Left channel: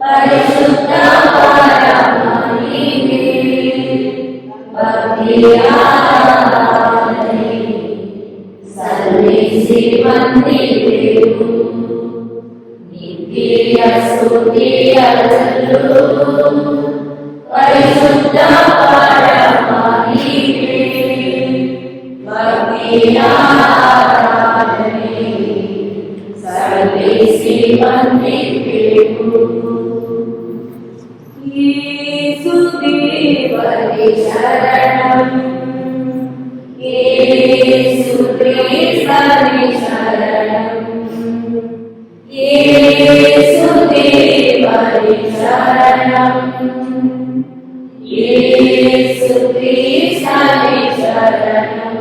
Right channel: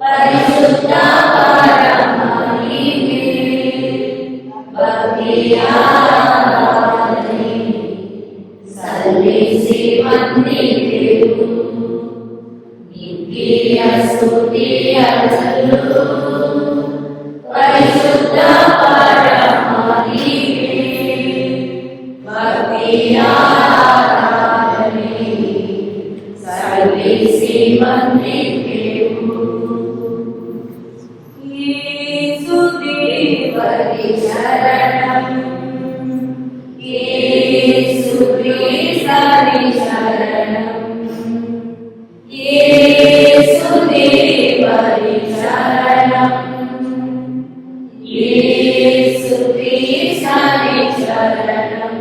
ಪರಿಶುದ್ಧ ಪರಮಹಿಮೆ ಭಕ್ತಿಯ ಆರಾಧನೆ ಸಲ್ಲಿಸಿ ಬಂದಿದೆವು. ನಿತ್ಯ ಸ್ತುತಿಯಲ್ಲೂ ಪರಿಶುದ್ಧ ಪರಮಹಿಮೆ ಭಕ್ತಿಯ ಆರಾಧನೆ ಸಲ್ಲಿಸಿ ಬಂದಿದೆವು. ಯೇಸುದೇವರೇ ಶರಣಂ, ಯೇಸುಕ್ರಿಸ್ತನೇ ಶರಣಂ, ಯೇಸುದೇವರೇ ಶರಣಂ, ಯೇಸುಕ್ರಿಸ್ತನೇ ಶರಣಂ.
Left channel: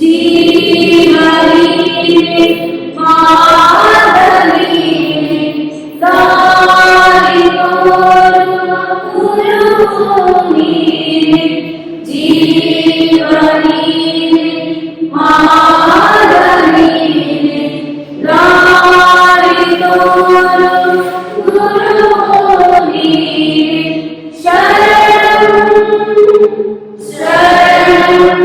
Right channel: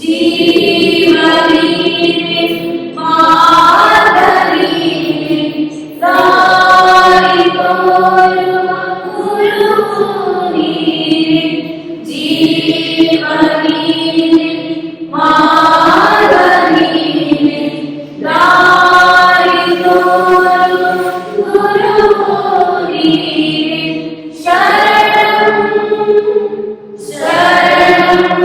ಜೀವನೀನೇ ಮಾರ್ಗನೀನೇ ದಾರಿ ತೋರುವ ಗುರು ನೀನೇ. ಜೀವನೀನೇ ಮಾರ್ಗನೀನೇ ದಾರಿ ತೋರುವ ಗುರು ನೀನೇ. ಶರಣಂ ಶರಣಂ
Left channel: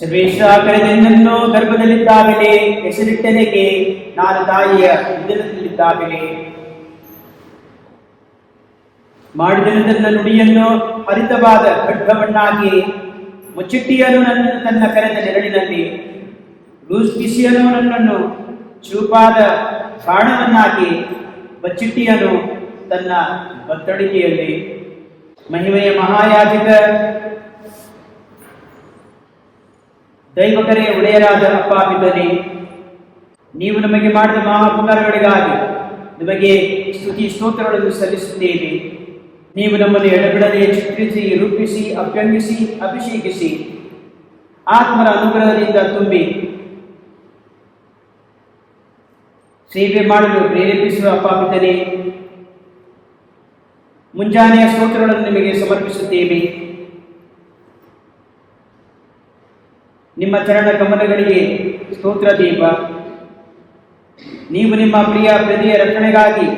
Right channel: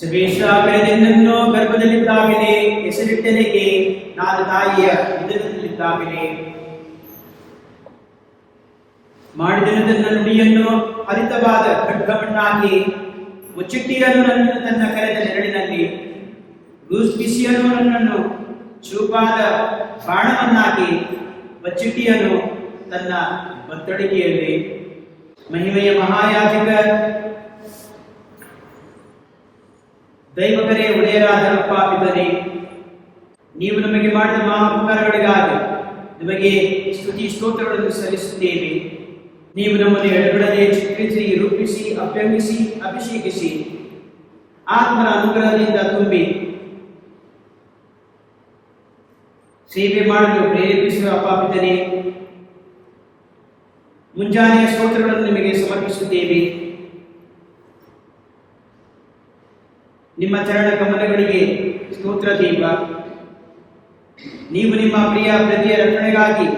ಸರ್ವೇಶ್ವರನನ್ನು ಗರ್ಭದಲ್ಲಿದ್ದಾಗಲೇ ಹೆಸರಿಟ್ಟನೆಗೆ ನಾನು ತಾಯಿಯ ಉದರದಲ್ಲಿದ್ದಾಗಲೇ ಮಾಡಿದನು ನುಡಿಯನ್ನು ಹರಿತವಾದ ಖಡ್ಗವನ್ನಾಗಿ ಮುಚ್ಚಿಟ್ಟಿಯನು ನನ್ನನ್ನು ತನ್ನ ಕರೆದ ನೆರಳಿನಲ್ಲಿ ಬಿಸಿಯನು ನನ್ನನ್ನು ಚೂಪಾದ ಬಾಣವನ್ನಾಗಿ ಬಚ್ಚಿಟ್ಟಿಯನು ತನ್ನ ಬತ್ತಡಿಕೆಯಲ್ಲಿ. ಮಹಿಮೆಯ ಮಹಾಯಾಜಕ ದೈವಕರೇ ಒಡೆಯರಾದ ಅಪ್ಪ ಪಿತನೇ, ನೀವು ನಮಗೆ ಮಾಡಿದ ಮಹಾಪಕಾರಗಳಿಗಾಗಿ ನಮಗೆ ಸ್ತುತಿ ಸ್ತೋತ್ರಗಳನ್ನು ಸಲ್ಲಿಸುತ್ತೇವೆ. ನೀವು ನಮ್ಮನ್ನು ಎಡಗಡಲೆ ಚಿತ್ರಿಸಿ ರೂಪಿಸಿ ಅಭ್ಯಂಗಿಸಿ ಅಭಿಷೇಕಿಸಿ ಆತ್ಮರ ಅನುಗ್ರಹದಿಂದ ತುಂಬಿ ಸೇವೆ ಮಾಡಲು ಪ್ರೇರೇಪಿಸುವ ಅಪ್ಪ ಪಿತನೇ, ಮುಂಜಾನೆಯ ಸ್ತೋತ್ರಗಳನ್ನು ನಿಮಗೆ ಸಮರ್ಪಿಸುತ್ತೇವೆ. ನಿಮ್ಮ ಚರಣ ಕಮಲಗಳಿಗೆ ಸ್ತೋತ್ರ ದೀಪ. ನೀವು ನಿಮ್ಮ ಪ್ರಿಯ ಪ್ರತಿಯ ರಕ್ಷಣೆಗಾಗಿ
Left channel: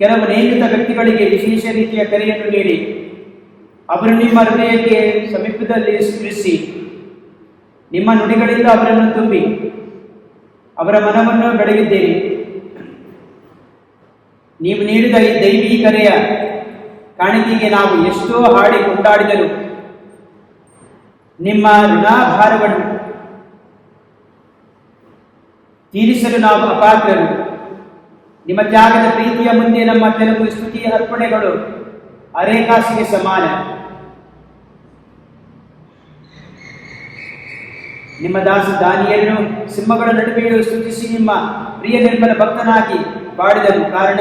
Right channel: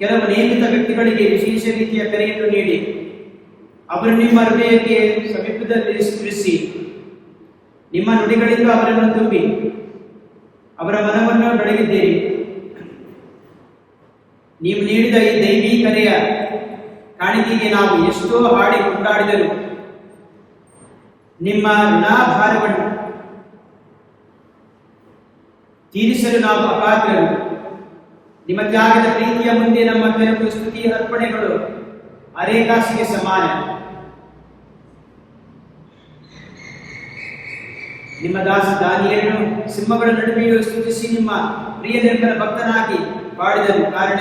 ಕೆಲವು ನೇಮಿತ ವ್ಯಕ್ತಿಗಳಿಗೆ ವಿಶೇಷ ರೀತಿಯ ಕರೆಯನ್ನು ನೀಡಿ ಅವರು ನಿಮ್ಮ ಹೃದಯಕ್ಕೆ ಸಮೀಪದಲ್ಲಿ ಸ್ಮರಿಸಿ ನಿಮ್ಮ ನುಡಿಗಳಿಂದ ಅವರನ್ನು ತುಂಬಿ ಅವರ ಮನವನ್ನು ಬೆಳಗಿದ್ದೇವೆ. ನೀವು ನೀಡಿದ ಈ ದೈವಿ ಕರೆಯ ಕಾಣಿಕೆಗೆ ನಾವು ಎಷ್ಟೋ ಹಾಡಿ ಕೊಂಡಾಡಿದರು. ನಿಮ್ಮ ಋಣಾಭಾರವನ್ನು ತೀರಿಸಲು ನಾವು ಅಪಾತ್ರರು. ನಿಮ್ಮ ತ್ಯಾಗದ ಪ್ರೀತಿಯ ಮುಂದೆ ನಮ್ಮ ಕೆಲವು ಸ್ತುತಿಯ ಅರ್ಪಣೆಗಳು ಅರೇಕಾಸಿಗೆ ಸಮಾನ. ನಿಮ್ಮ ದಾಸ ದಾನಿಯನ್ನು ಸಿಂಹಗಳ ನಡುವೆಯೂ ಸ್ತುತಿಸಿ ನಿಮ್ಮ ಪ್ರಿಯ ನಿರ್ಮಲ ಭಕ್ತನಾಗಿ ಬಾಡಿದನು. ಕಾರಣ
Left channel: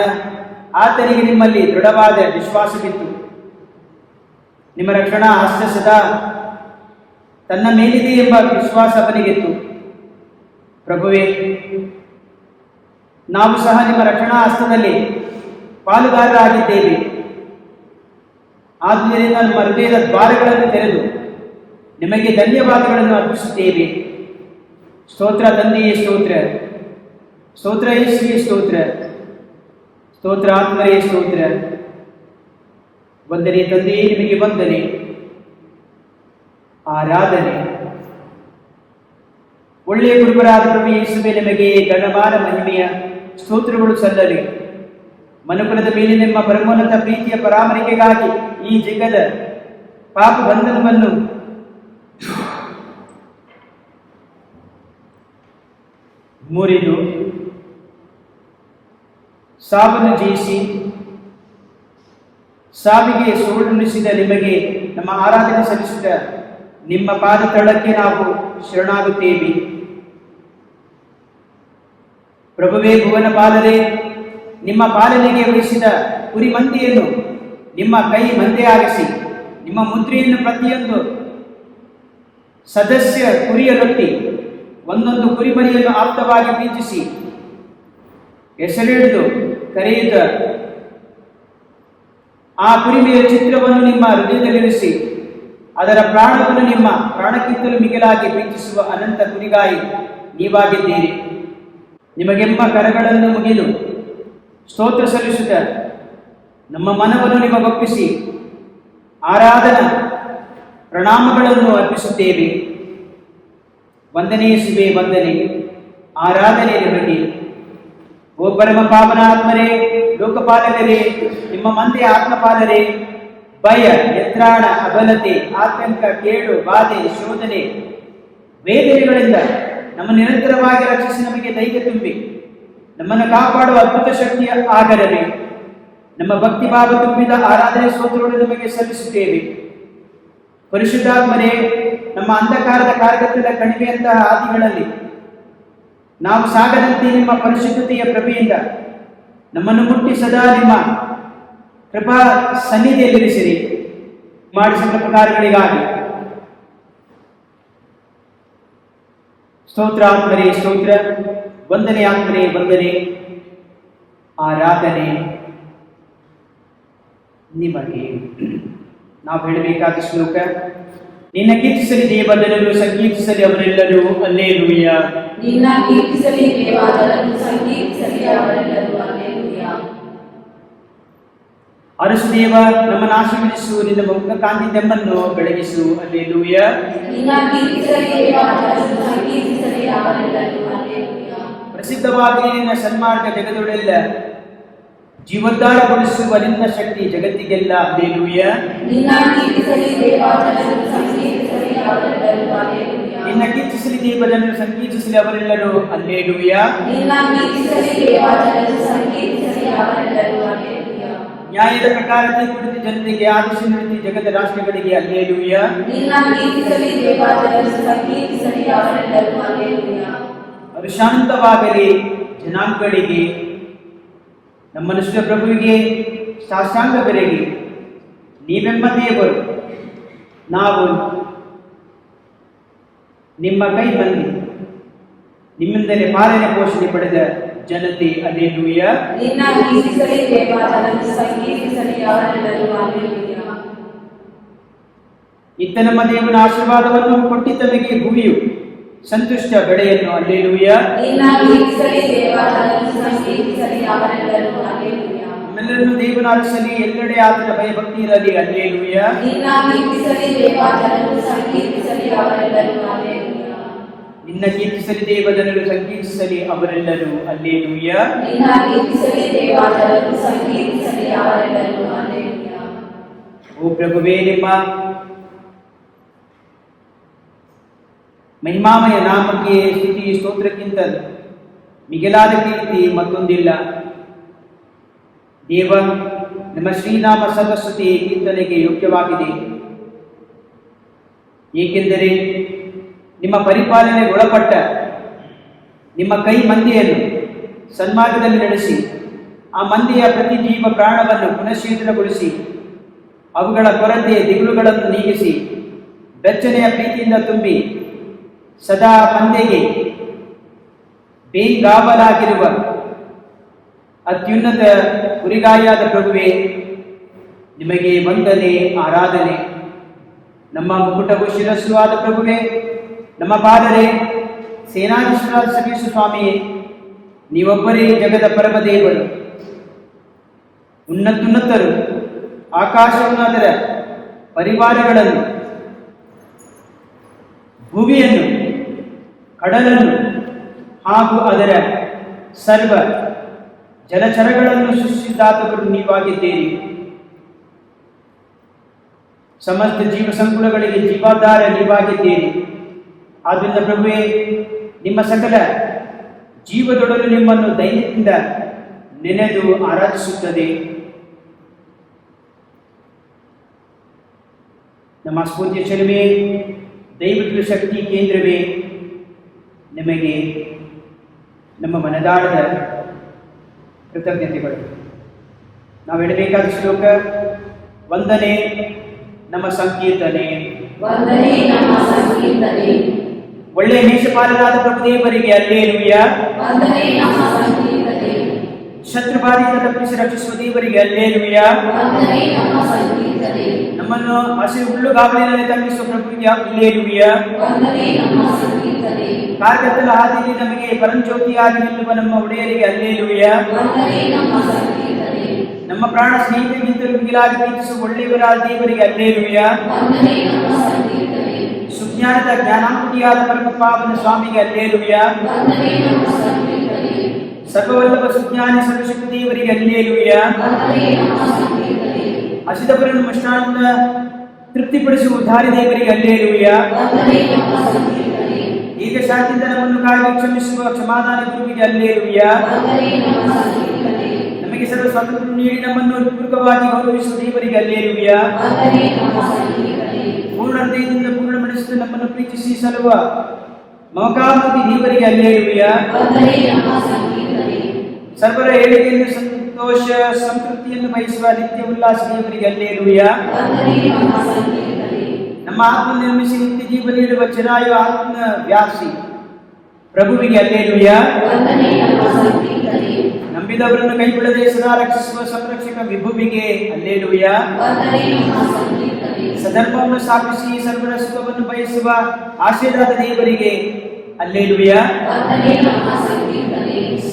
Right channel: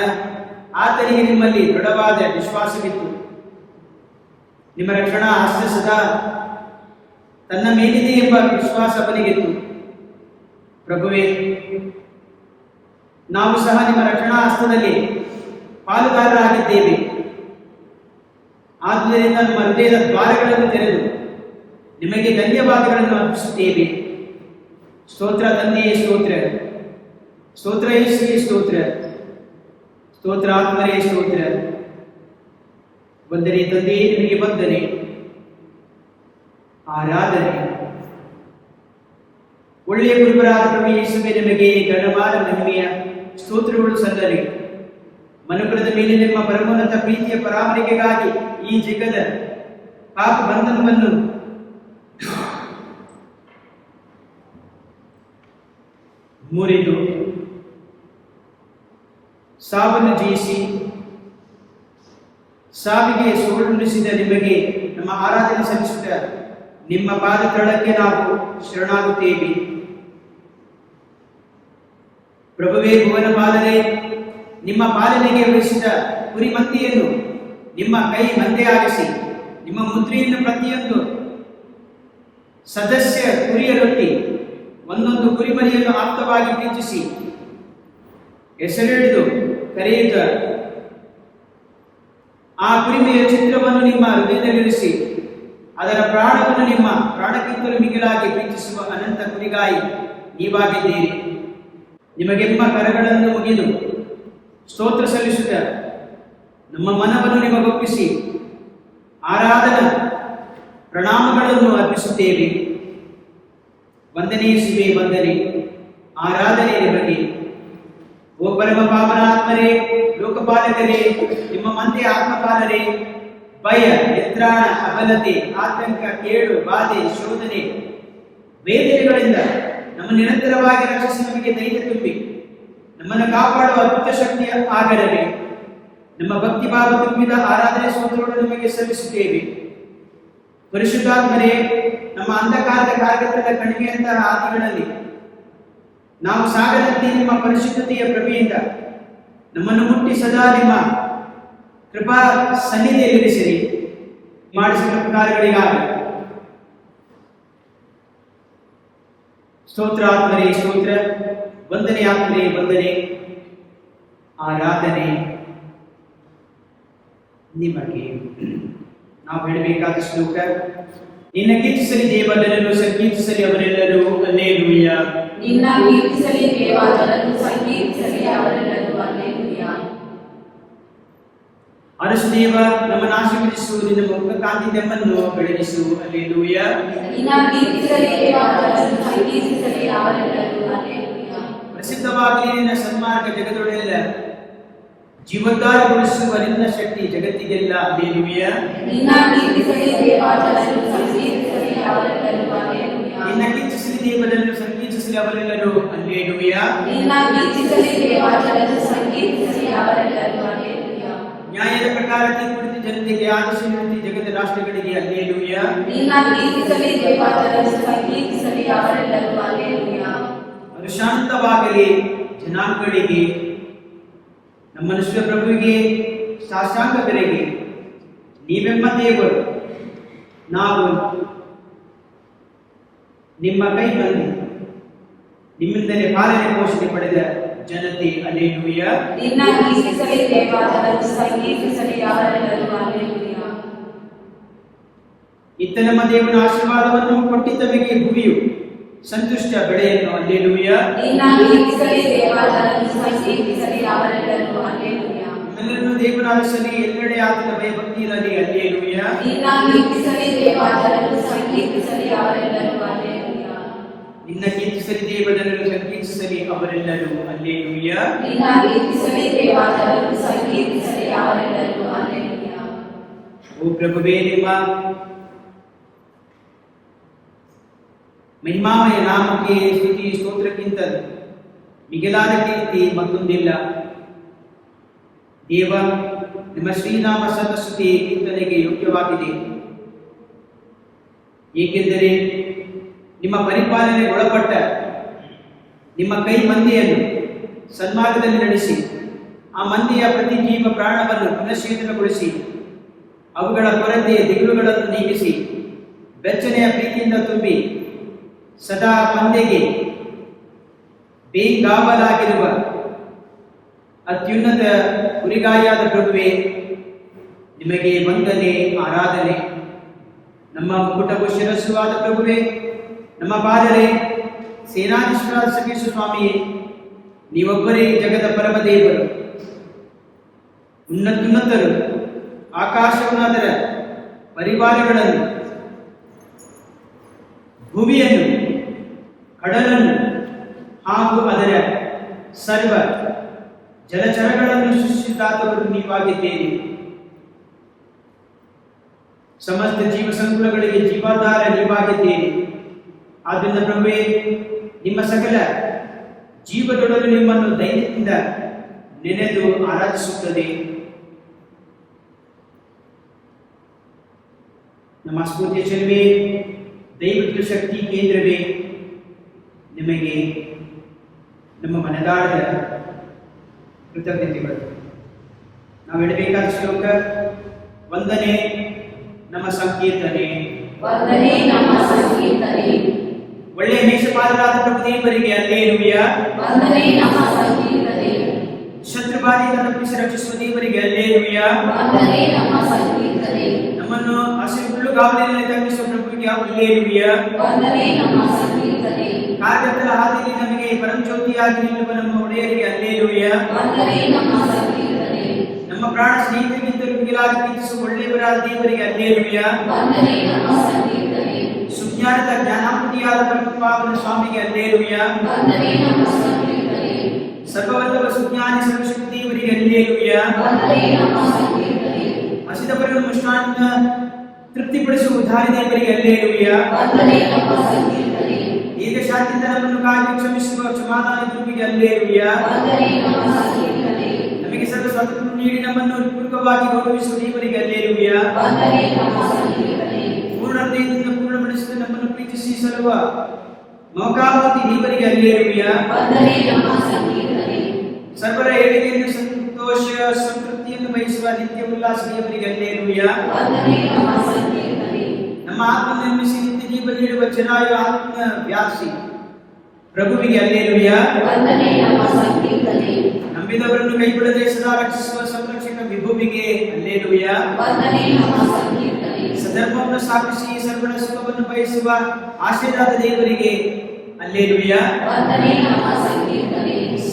ಆತನಿಗೆ ನಿಮ್ಮಲ್ಲಿ ದೃಢವಾದ ವಿಶ್ವಾಸವಿತ್ತು. ನಿಮ್ಮ ರಕ್ಷಣಾ ಹಸ್ತ ಸದಾ ತನ್ನ ಮೇಲಿದೆ ಎಂಬ ವಿಶ್ವಾಸ ಅವನಿಗಿತ್ತು. ಪ್ರಭುವೇ, ನಾವು ಸಹ ನಿಮ್ಮ ರಕ್ಷಣಾ ಹಸ್ತದಲ್ಲಿ ಪಾಲುದಾರರಾಗಿದ್ದೇವೆ. ಆದ್ದರಿಂದ ನಮ್ಮ ಹೃದಯದ ದ್ವಾರಗಳನ್ನು ತೆರೆದು ನಿಮಗೆ ಧನ್ಯವಾದಗಳನ್ನು ಅರ್ಪಿಸುತ್ತೇವೆ. ಸ್ತೋತ್ರ ತಂದೆಯೇ ಸ್ತೋತ್ರ, ಸ್ತೋತ್ರ ಯೇಸುವೇ ಸ್ತೋತ್ರ, ಸ್ತೋತ್ರ ಆತ್ಮರೇ ಸ್ತೋತ್ರ. ವಂದನೆ ತಂದೆಯೇ, ನಿಮಗೆ ವಂದನೆ, ಆರಾಧನೆ. ಒಳ್ಳೆಯ ಗುರುಬರಾದ ಪ್ರಭು ಯೇಸುವೇ, ನಿಮಗೆ ಗಣಮಾನ ಮಹಿಮೆಯ ಸ್ತೋತ್ರಗಳು ಸಲ್ಲಲಿ. ಮನುಕುಲದ ಮೇಲೆ ನಿಮ್ಮ ಪರಮೋನ್ನತ ಪ್ರೀತಿಯ ಪರಾಮರಿಕೆಗಾಗಿ ಈ ಜಗದ ಪಾಪ ಬಂಧನವನ್ನು ಮುರಿದು ಸಾವನ್ನು ಜಯಿಸಿ ಸಾವಿಗೆ ಸೋಲುಣಿಸಿದ ನಿಮಗೆ ನಮ್ಮ ಆರಾಧನೆ ಸಲ್ಲಿಸುತ್ತ ನಿಮ್ಮ ಪಾದ ತಳಕ್ಕೆ ನಾವು ಶರಣಾಗುತ್ತೇವೆ. ಪ್ರಭುವೇ, ಭುವನ ಪಾಲನೆ, ನಿಮ್ಮ ಪಾಲನೆಗೆ ವಹಿಸಿದ ಕುರಿ ಮಂದೆಯನ್ನು ನಿಮ್ಮ ಕೈ ಮಂದೆಯಾಗಿಸಿ, ನಿಮ್ಮ ಮುದ್ರೆಯನ್ನು ಪ್ರತಿಯೊಂದು ಸದಸ್ಯ ಕುರಿಯರೊಟ್ಟಿ ಒಂದೊಂದು ಕುರಿಮರಿಯನ್ನು ಆಪ್ತವಾಗಿ ಪ್ರೀತಿಸಿ ಹೆಸರಿಡಿದು ಕರೆಯುತ್ತ ಆ ಕುರಿಮೆಯ ಚಿತ್ರವನ್ನು ನಿಮ್ಮ ಹೃದಯದಲ್ಲಿರಿಸಿ ಅದರ ಪ್ರಾಣವನ್ನು ನಿಮ್ಮ ಪ್ರಾಣಕ್ಕಿಂತಲೂ ಮಿಗಿಲಾಗಿ ಪ್ರೀತಿಸುವ ಅನಂತ ಕುರಿಗಾಯಿ ನೀವಾಗಿದ್ದೀರಿ. ನಿಮಗೆ ನಿಮ್ಮ ಕರಗಳನ್ನು ಮುಗಿದು ಸ್ತೋತ್ರ ಸಲ್ಲಿಸುತ್ತ ನಮ್ಮ ಮನವನ್ನು ನಿಮಗೊಪ್ಪಿಸಿ ಆರಾಧನಾ ಪ್ರಣಾಮಗಳನ್ನು ಅರ್ಪಿಸುತ್ತೇವೆ. ವಂದನೆ ಯೇಸುವೇ, ವಂದನೆ, ಆರಾಧನೆ ನಿಮಗೆ. ಓ ಪರಮ ಪಾವನಾತ್ಮರೇ, ಲೋಕಪಾಲಕರೇ, ನಿಮ್ಮ ಮಂದೆಯ ಆತ್ಮಪಾಲರೇ, ಭಯ, ನಿತ್ರಾಣ, ಅಬಲತೆ, ಆತಂಕ, ಕೇಡು, ಬಾಧೆ, ಶೋಧನೆ, ವೇದನೆಗಳಿಂದ ನಮ್ಮ ನಿರಂತರವಾಗಿ ರಕ್ಷಿಸಿ ನಮಗೆ ಧೈರ್ಯ ತುಂಬಿ ನಮ್ಮನ್ನು ಕಾಪಾಡುವ ಅದ್ಭುತ ಶಕ್ತಿಯ ಆಗರವೇ. ನಮ್ಮ ಭಕ್ತಿ ಭಾವ ತುಂಬಿದ ಆರಾಧನೆ ಸ್ತೋತ್ರಗಳು ನಿಮಗೆ ಸಲ್ಲಿಸುತ್ತೇವೆ. ಪರಿಶುದ್ಧಾತ್ಮರೇ, ನಮ್ಮ ಅಂಧಕಾರದ ಕಾರ್ಯಗತದ ಕಣಿವೆಯಂತಹ ಹಾದಿಗಳಲ್ಲಿ ನಾವು ಸಾಗದಂತೆ ನಿಮ್ಮ ಪರಿಶುದ್ಧತೆಯ ಪ್ರಭೆಯಿಂದ ನಮ್ಮನ್ನು ಮುಟ್ಟಿ ಸದಾ ನಿಮ್ಮ ಕೃಪಾ ಸನ್ನಿಧಿಯಲ್ಲಿರಿಸಿರಿ. ಮಾಡಿಸಿದ ಪ್ರಕಾರಗಳಿಗಾಗಿ ಸ್ತೋತ್ರ ಆತ್ಮರೇ ಸ್ತೋತ್ರ, ವಂದನೆ ಆತ್ಮರೇ ವಂದನೆ, ಆರಾಧನೆ ನಿಮಗೆ. ನಾವು ಹೇಳಬೇಕಾದ ಶ್ಲೋಕ, ನಿನ್ನ ಕೀರ್ತಿಸಲಿ ದೇವರನ್ನು, ಸಂಕೀರ್ತಿಸಲಿ ಅವರೆಲ್ಲರೂ ಹಲ್ಲೆಲೂಯ. ನಿನ್ನ ಕೀರ್ತಿಸಲಿ ದೇವರನ್ನು, ಸಂಕೀರ್ತಿಸಲಿ ಅವರೆಲ್ಲರೂ ಹಲ್ಲೆಲೂಯ. ಅರಸು ದೇವ, ನಮ್ಮನ್ನು ಆಶೀರ್ವದಿಸು, ನಿನ್ನ ಮುಖ ಕಾಂತಿ ನಮ್ಮನ್ನು ಬೆಳಗಿಸು. ಹಲ್ಲೆಲೂಯ. ನಿನ್ನ ಕೀರ್ತಿಸಲಿ ದೇವರನ್ನು, ಸಂಕೀರ್ತಿಸಲಿ ಅವರೆಲ್ಲರೂ ಹಲ್ಲೆಲೂಯ. ಪ್ರಸಿದ್ಧವಾಗಿ ನಿನ್ನ ಸನ್ಮಾರ್ಗ ಜಗದೊಳೆಲ್ಲ ಜೀವೋದ್ಧಾರಗೊಳಿಸುವ ನಿನ್ನ ಶಕ್ತಿ ಜಗತ್ತಿಗೆಲ್ಲ. ಹಲ್ಲೆಲೂಯ. ನಿನ್ನ ಕೀರ್ತಿಸಲಿ ದೇವರನ್ನು, ಸಂಕೀರ್ತಿಸಲಿ ಅವರೆಲ್ಲರೂ ಹಲ್ಲೆಲೂಯ. ನಿನ್ನ ಕೀರ್ತಿಸಲಿ ದೇವರನ್ನು, ಸಂಕೀರ್ತಿಸಲಿ ಅವರೆಲ್ಲರೂ ಹಲ್ಲೆಲೂಯ. ನಿನ್ನ ಕೀರ್ತಿಸಲಿ ದೇವರನ್ನು, ಸಂಕೀರ್ತಿಸಲಿ ಅವರೆಲ್ಲರೂ ಹಲ್ಲೆಲೂಯ. ನ್ಯಾಯದ ಪ್ರಕಾರ ತೀರ್ಪು ಜನತೆಗೆ, ಆದರ್ಶ ನೀತಿ ಜಗದ ರಾಷ್ಟ್ರಗಳಿಗೆ. ಹಲ್ಲೆಲೂಯ. ನಿನ್ನ ಕೀರ್ತಿಸಲಿ ದೇವರನ್ನು, ಸಂಕೀರ್ತಿಸಲಿ ಅವರೆಲ್ಲರೂ ಹಲ್ಲೆಲೂಯ. ಅವರು ಶಾಂತವಾಗಲಿ ಜನಾಂಗಗಳಿಗೆ, ನಮ್ಮ ಮನುಷ್ಯ ಪ್ರಭುವಿಗೆ ಸಾಷ್ಟಾಂಗ ಬೆಲೆಗೆ. ನೀವೆಮ್ಮ ದೇವರು, ನಾವು ನಿಮ್ಮ ಕೈ ಬಂದು ನಿಮ್ಮಿಂದಲೇ ಪಾಲನೆ ಪೋಷಣೆ ಪಡೆದ ಜನತೆ. ಹಲ್ಲೆಲೂಯ. ನಿನ್ನ ಕೀರ್ತಿಸಲಿ ದೇವರನ್ನು, ಸಂಕೀರ್ತಿಸಲಿ ಅವರೆಲ್ಲರೂ ಹಲ್ಲೆಲೂಯ. ಇತ್ತ ನಮ್ಮ ದೇವರ ಆಶೀರ್ವಾದವನ್ನು ಕೊಟ್ಟಿದ್ದವರಿಗೆ ಭೂಮಿಯು ಸಂತುಷ್ಟ ಬೆಳೆಯನ್ನು. ಹಲ್ಲೆಲೂಯ. ನಿನ್ನ ಕೀರ್ತಿಸಲಿ ದೇವರನ್ನು, ಸಂಕೀರ್ತಿಸಲಿ ಅವರೆಲ್ಲರೂ ಹಲ್ಲೆಲೂಯ. ನಮ್ಮೆಲ್ಲರನ್ನು ದೇವನ ಅರಸಲಿ, ಎಲ್ಲೆಡೆ ಆತನ ಭಯಭಕ್ತಿ ಇರಲಿ. ಹಲ್ಲೆಲೂಯ. ನಿನ್ನ ಕೀರ್ತಿಸಲಿ ದೇವರನ್ನು, ಸಂಕೀರ್ತಿಸಲಿ ಅವರೆಲ್ಲರೂ ಹಲ್ಲೆಲೂಯ. ನಿನ್ನ ಕೀರ್ತಿಸಲಿ ದೇವರನ್ನು, ಸಂಕೀರ್ತಿಸಲಿ ಅವರೆಲ್ಲರೂ. ಹಲ್ಲೆಲೂಯ. ನಿನ್ನ ಕೀರ್ತಿಸಲಿ ದೇವರನ್ನು, ಸಂಕೀರ್ತಿಸಲಿ ಅವರೆಲ್ಲರೂ ಹಲ್ಲೆಲೂಯ. ಓ ಪ್ರಭುವೇ, ನಿಮ್ಮ ಮಹಿಮಾಮಯ ನಾಮಕ್ಕೆ ಸ್ತುತಿ ಸ್ತೋತ್ರಕ್ಕಿಂತ ಮಿಗಿಲಾದ ಕೀರ್ತಿ ಮತ್ತೊಂದಿಲ್ಲ. ದೇವ, ನಿಮ್ಮ ಶ್ರೀನಾಮ ಸರ್ವಸ್ತುತಿ ಕೀರ್ತನೆಗೆ ಯೋಗ್ಯವಾಗಿದೆ. ಏಕೆಂದರೆ ನಿಮ್ಮ ಪರಿಪಾಲನೆಗೆ ಒಳಪಟ್ಟ ನಿಮ್ಮ ಕೈ ಮಂದಿಯನ್ನು ಸನ್ಮಾರ್ಗದಲ್ಲಿ ನಡೆಸಿ ಆ ಮಂದಿಯ ಪ್ರತಿ ಜೀವ ಪ್ರಾಣವನ್ನು ಪುನಶ್ಚೇತನಗೊಳಿಸಿ ಅವುಗಳ ಕೊರತೆ ದಿಗುಳುಗಳನ್ನು ನೀಗಿಸಿ ಬೆಚ್ಚನೆಯ ಪ್ರೀತಿಯಿಂದ ತುಂಬಿ ಸದಾ ತಂದೆಗೆ ಬೇಗಾವಲಾಗಿರುವ ಅತ್ಯುನ್ನತ ಗುರಿಗಾರಿಯಾದ ಪ್ರಭುವೇ, ನಿಮಗೆ ವಂದನೆ ಆರಾಧನೆ. ನಮ್ಮ ಮುಕುಟವು ಶಿರಸ್ಸು ಆದ ಪ್ರಭುವೇ, ನಮ್ಮ ಪಾದರೇ, ಸೇನಾಧೀಶ್ವರ ಸರ್ವೇಶ್ವರ ಸ್ವಾಮಿಯೇ, ನೀವೊಬ್ಬರೇ ಜಗದ ಪರಮದೇವರು, ಉನ್ನತರು. ಆಕಾಶವನ್ನು ಅದರ ಪರಿವಾರಗಳನ್ನು, ಭೂಮಿಯನ್ನು, ಕಡಲನ್ನು ಹಾಗೂ ಅದರ ಸರ್ವ ಜಲಚರಗಳನ್ನು ಸೃಷ್ಟಿಸಿದಾತವರು ನೀವಾಗಿದ್ದೀರಿ. ಸಮಸ್ತ ಜೀವ ಸಂಕುಲಗಳಿಗೆ ಜೀವಾಧಾರ ನೀವಾಗಿದ್ದೀರಿ. ಆದ್ದರಿಂದ ಪ್ರಭುವೇ, ನಿಮ್ಮ ಸಕಲ ಜೀವದೊಡನೆ ನಿಮ್ಮನ್ನು ದೈನ್ಯದಿಂದ ನೆನೆದು ಆರಾಧಿಸುತ್ತದೆ. ನಮ್ಮ ಸ್ಫೂರ್ತಿಯ ಚಲವೇ, ದೈವಿಕ ಶಕ್ತಿ ಕೇಂದ್ರವೇ, ನಿಮಗೆ ನಮ್ಮ ಮನದಾಳದ ಕೃತಜ್ಞತೆಗಳು. ನಾವು ಇಡಬೇಕಾದ ಶ್ಲೋಕ ವಂದನೆ ನಮ್ಮ ಸಂಕೀರ್ತನೆ. ಒಳ್ಳೆಯ ಮೇಷಪಾಲನಾದ ಪ್ರಭುದೇವರಿಗೆ ಅಲ್ಲೇಲುಯ್ಯ. ಶತ್ರುಬಾಧೆಯಿಂದ ತಪ್ಪಿಸಿ ರಕ್ಷಿಸುವ ದೇವರಿಗೆ ಅಲ್ಲೇಲುಯ್ಯ. ನಮ್ಮನ್ನು ಹಸಿರು ಹುಲ್ಲುಗಾವಲಿನಲ್ಲಿ ತಪ್ಪಿಸುವ ಪ್ರಭುವಿಗೆ ಅಲ್ಲೇಲುಯ್ಯ. ಕಾರ್ಗತ್ತಲ ಹಾದಿಯಲ್ಲಿ ನಮಗೆ ಪರಂಜ್ಯೋತಿಯಾಗಿ ನಿಲ್ಲುವ ನಮ್ಮ ಒಡೆಯರಿಗೆ ಅಲ್ಲೇಲುಯ್ಯ. ನಮ್ಮ ಪ್ರಾಣ ಸ್ನೇಹಿತರಿಗಿಂತಲೂ ಮಿಗಿಲಾಗಿ ಪ್ರೀತಿಸುವ ಒಳ್ಳೆಯವರಾದ ದೇವರಿಗೆ ಅಲ್ಲೇಲುಯ್ಯ. ಸುಜ್ಞಾನದ ಜ್ಞಾನಾಂಬುದಿಯಾದ ಪರಮಪಾವನ ಸ್ವಾಮಿಗೆ ಅಲ್ಲೇಲುಯ್ಯ. ಸರ್ವವಲ್ಲಭ ಸುಜ್ಞಾನಿ ಸರ್ವಶಕ್ತಿ ದೇವರಿಗೆ ಅಲ್ಲೇಲುಯ್ಯ. ಹಸಿದವರನ್ನು ಮೃಷ್ಟಾನ್ನ ತೃಪ್ತಿಪಡಿಸುವ ಉದ್ಧಾರಿ ದೇವರಿಗೆ ಅಲ್ಲೇಲುಯ್ಯ. ಈಗ ಶಾಂತಿಯಿಂದ ನಮ್ಮನ್ನು ಕಾಯ್ದು ಕ್ಷಮಿಸುವ ಕ್ಷಮಾದಾನ ಗುರುವಿಗೆ ಅಲ್ಲೇಲುಯ್ಯ. ನಮಗೆ ಸರ್ವ ಸ್ವಾತಂತ್ರ್ಯ ನೀಡಿ ನಮ್ಮನ್ನು ಪೂರ್ವಕವಾಗಿ ಗೌರವಿಸುವ ದೇವರಿಗೆ ಅಲ್ಲೇಲುಯ್ಯ. ಪೂರ್ಣ ಹೃದಯದಿಂದ ಪೂರ್ಣಗೊಳಿಸಿದ ನಮ್ಮನ್ನು ಪ್ರೀತಿಸಿ ಸಲುವ ಮಮಕಾಮೂರ್ತಿ ದೇವರಿಗೆ ಅಲ್ಲೇಲುಯ್ಯ. ಸರ್ವರ ಏಳಿಗೆಯನ್ನು ಸಂತೋಷ ಸಂತೃಪ್ತಿಯನ್ನು ಬಯಸುವ ನಿತ್ಯ ಉಲ್ಲಾಸ ದೇವರಿಗೆ ಅಲ್ಲೇಲುಯ್ಯ. ನಮ್ಮ ಆತ್ಮ ನಿರ್ಮಿಸಿ ನಿತ್ಯ ಜೀವ ನೀಡುವ ಚಿರಾಯು ಆತ್ಮ ವ್ಯಾಸಿ ಪ್ರಭುವಿಗೆ ಅಲ್ಲೇಲುಯ್ಯ. ನಂಬಿದವರನ್ನು ಕೈಬಿಡದೆ ಸದಾ ರಕ್ಷಿಸುವ ಸಂರಕ್ಷಕ ವಿಭುವಿಗೆ ಅಲ್ಲೇಲುಯ್ಯ. ಸದರ್ಭವನ್ನು ಸ್ಥಾಪಿಸಿ ಸರ್ವರ ಸುಖವನ್ನು ಬಯಸುವ ಆಶೀರ್ವಾದ ದೇವರಿಗೆ ಅಲ್ಲೇಲುಯ್ಯ.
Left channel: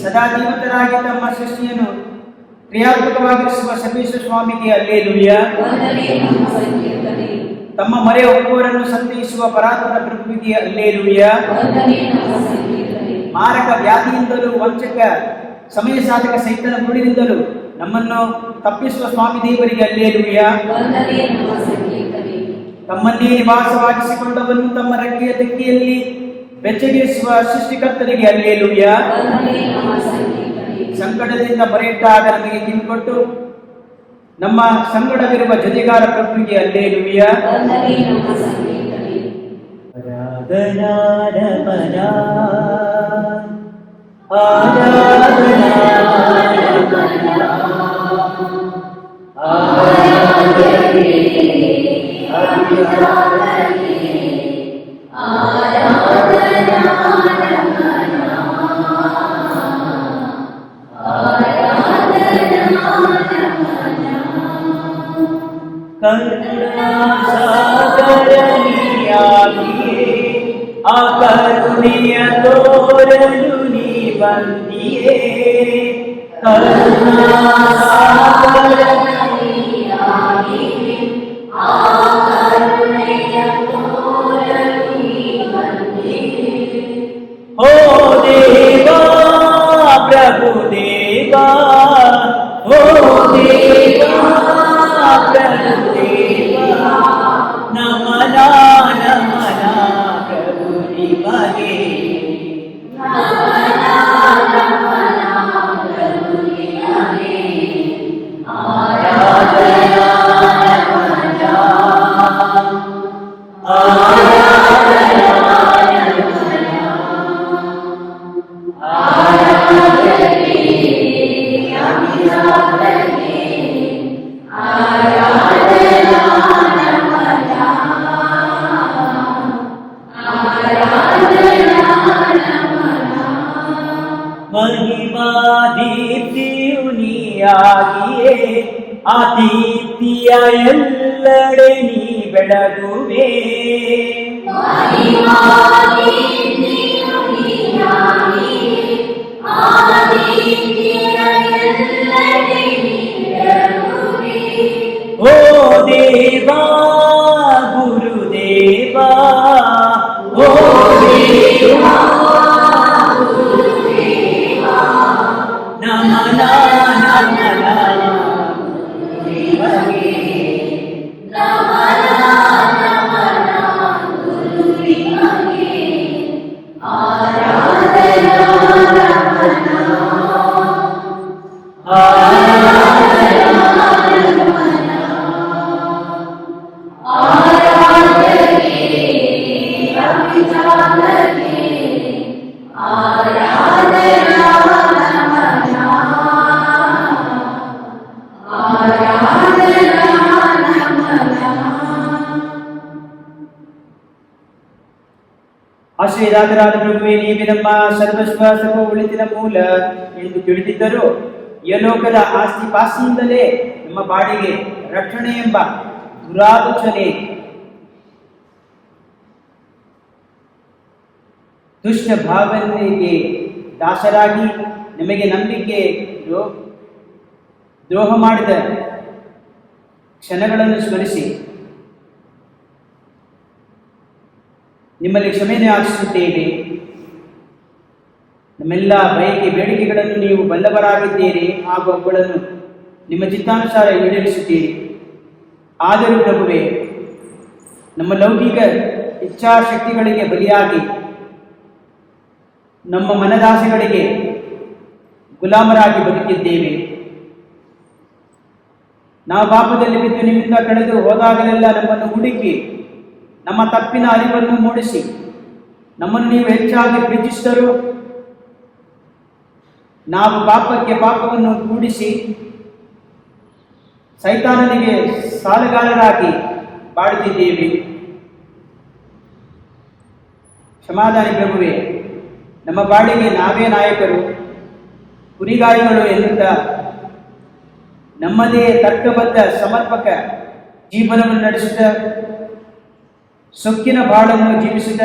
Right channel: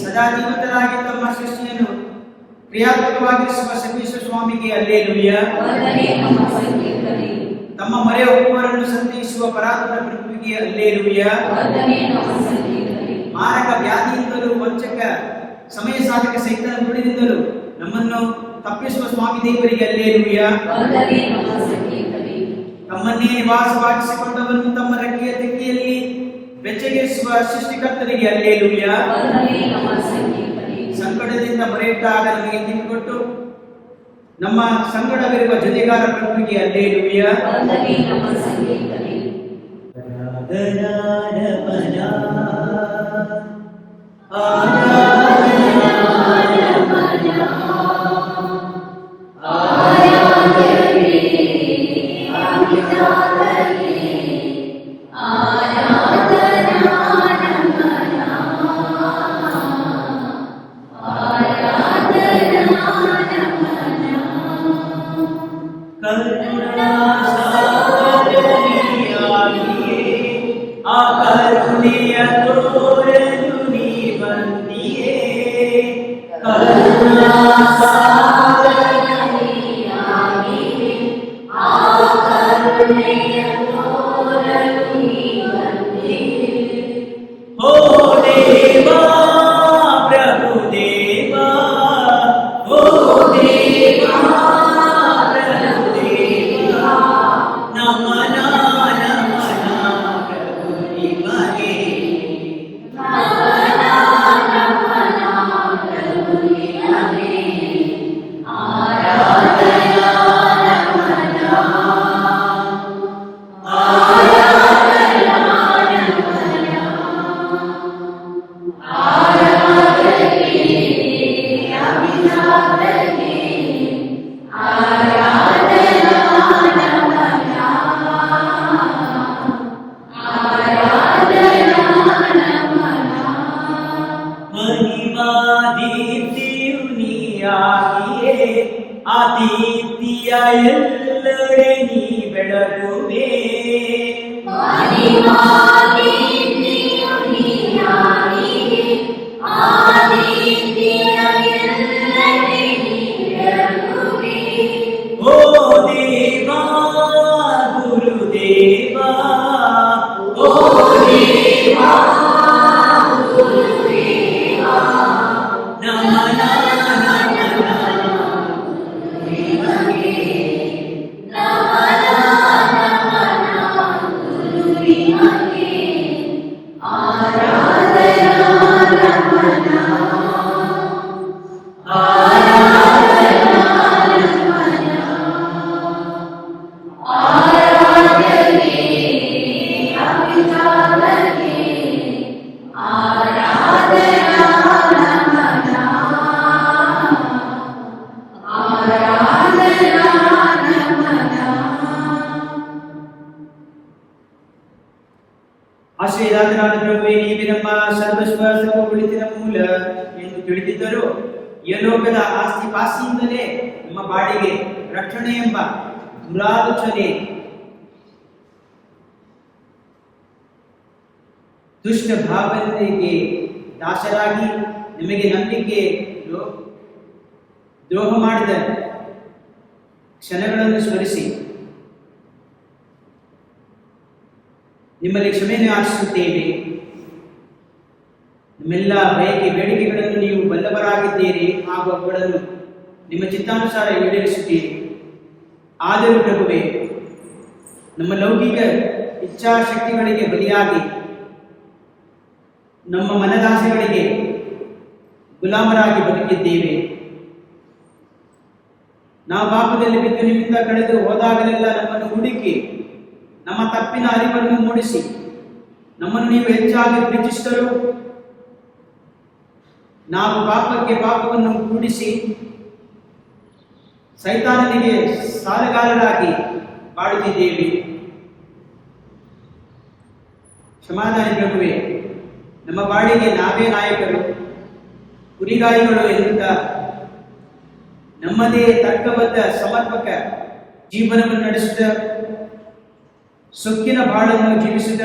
ಸದಾ ಜೀವಿತರಾಗಿ ತಮ್ಮ ಸೃಷ್ಟಿಯನ್ನು ಕ್ರಿಯಾತ್ಮಕವಾಗಿರಿಸುವ ಸರ್ವೇಶ್ವರ ಸ್ವಾಮಿಗೆ ಅಲ್ಲೇಲುಯ್ಯ. ತಮ್ಮ ಮರೆಯ ಒಬ್ಬವರನ್ನು ಸಂತೈಸುವ ಪರಾತ್ಪರ ಪ್ರಭುವಿಗೆ ಅಲ್ಲೇಲುಯ್ಯ. ಮಾರಕ ವ್ಯಾಧಿಯಿಂದಲೂ ವಂಚಕ ಸಮಯ ಸಾಧಕ ಸೈತನ ಗುಡಿನಿಂದಲೂ ನಮ್ಮನ್ನು ತಪ್ಪಿಸುವ ಸ್ವಾಮಿ ದೇವರಿಗೆ ಅಲ್ಲೇಲುಯ್ಯ. ತಮ್ಮನ್ನೇ ನಿವಾಸವಾಗಿಸಿಕೊಂಡವರನ್ನು ತಮ್ಮ ರೆಕ್ಕೆಯ ತೆಕ್ಕೆಯಲ್ಲಿ ಬೆಚ್ಚಗಿಸುವ ಸೃಷ್ಟಿಕರ್ತರಿಗೆ ಅಲ್ಲೇಲುಯ್ಯ. ಸಂಕಟದಿಂದ ಬರೆಯಿಟ್ಟಾಗ ನಮಗೆ ಕಿಂಕೊಟ್ಟು ನಮ್ಮ ಸಂಕಟವಿರುವ ಜೊತೆಗಾರ ಪ್ರಭುವಿಗೆ ಅಲ್ಲೇಲುಯ್ಯ. ಕರುಣೆಯ ತೋರಲು ನೀ ಬಂದಿಯೇ, ಓ ದೇವಾ ಪ್ರಭು ದೇವಾ, ಓ ದೇವಾ ಪ್ರಭು ದೇವಾ, ನಮನ ನಮನ ಪ್ರಭು ನಿಮಗೆ. ದೀಪ್ತಿಯ ಎಲ್ಲೆಡೆ ನೀ ಬೆಳಗುವೆ, ಓ ದೇವಾ ಗುರುದೇವಾ, ಓ ದೇವಾ ನಮನ ನಮನ ಆಶ್ರಯದಾತರಾದ ಪ್ರಭುವೇ, ನೀವೇ ನಮ್ಮ ಸರ್ವಸ್ವ ಸರ್ವ ಉಳಿತಿನ ಮೂಲ ಎಂದು ತಿಳಿದಿದ್ದರೂ ಯಲೋಕದ ಆಸ್ತಿ ಪಾಸ್ತಿಯಿಂದಲೇ ನಮ್ಮ ಬಾಡಿಗೆ ರಕ್ಷಣೆ ಎಂಬ ದುರಾಲೋಚನೆ ದುಷ್ಟ ಭಾವನೆಗೆ ದಾಸರಾಗಿ ನಮಗೆ ನಂಬಿಕೆ ದ್ರೋಹ ಮಾಡಿದ ಕ್ಷಣಗಳನ್ನು ಸ್ಮರಿಸಿ ನಿಮ್ಮಲ್ಲಿ ಕ್ಷಮೆಯನ್ನು ಯಾಚಿಸುತ್ತೇವೆ. ನಮ್ಮೆಲ್ಲ ಬಯಕೆ ಬೇಡಿಕೆಗಳನ್ನು ನೀವು ಬಲ್ಲವರಾಗಿದ್ದೀರಿ ಹಾಗೂ ಅವುಗಳನ್ನು ನಿಮ್ಮ ಚಿತ್ತಾನುಸಾರ ಈಡೇರಿಸುತ್ತೀರಿ. ಆದರೂ ಪ್ರಭುವೇ, ನಮ್ಮ ಲೌಕಿಕ ಇಚ್ಛಾಶಕ್ತಿಗಳಿಗೆ ಬಲಿಯಾಗಿ ನಮ್ಮ ಮನದಾಸೆಗಳಿಗೆ ಗುಲಾಮರಾಗಿ ಬದುಕಿದ್ದೇವೆ. ನಾವು ಪಾಪದಲ್ಲಿ ಬಿದ್ದು ನಿಮ್ಮಿಂದ ಕಳೆದು ಹೋದಾಗಲೆಲ್ಲ ನಮ್ಮನ್ನು ಹುಡುಕಿ ನಮ್ಮ ತಪ್ಪಿನ ಅರಿವನ್ನು ಮೂಡಿಸಿ ನಮ್ಮನ್ನು ನೀವು ಹೆಚ್ಚಾಗಿ ಪ್ರೀತಿಸಿದರು ನಾವು ಪಾಪಕ್ಕೆ ಪಾಪವನ್ನು ಕೂಡಿಸಿ ಸೈತಾನನಿಗೆ ಸಾಲಗಾರರಾಗಿ ಬಾಳುತ್ತಿದ್ದೇವೆ. ಕ್ಷಮಾದಾನಿ ಪ್ರಭುವೇ, ನಮ್ಮ ಬಾಳಿಗೆ ನಾವೇ ನಾಯಕರು, ಕುರಿಗಾರಿಗಳು ಎನ್ನುತ್ತಾ ನಮ್ಮದೇ ತರ್ಕಬದ್ಧ ಸಮರ್ಪಕ ಜೀವನವನ್ನು ನಡೆಸಿದ ಸೊಕ್ಕಿನ ಬಾಳನ್ನು ಜೀವಿಸಿದ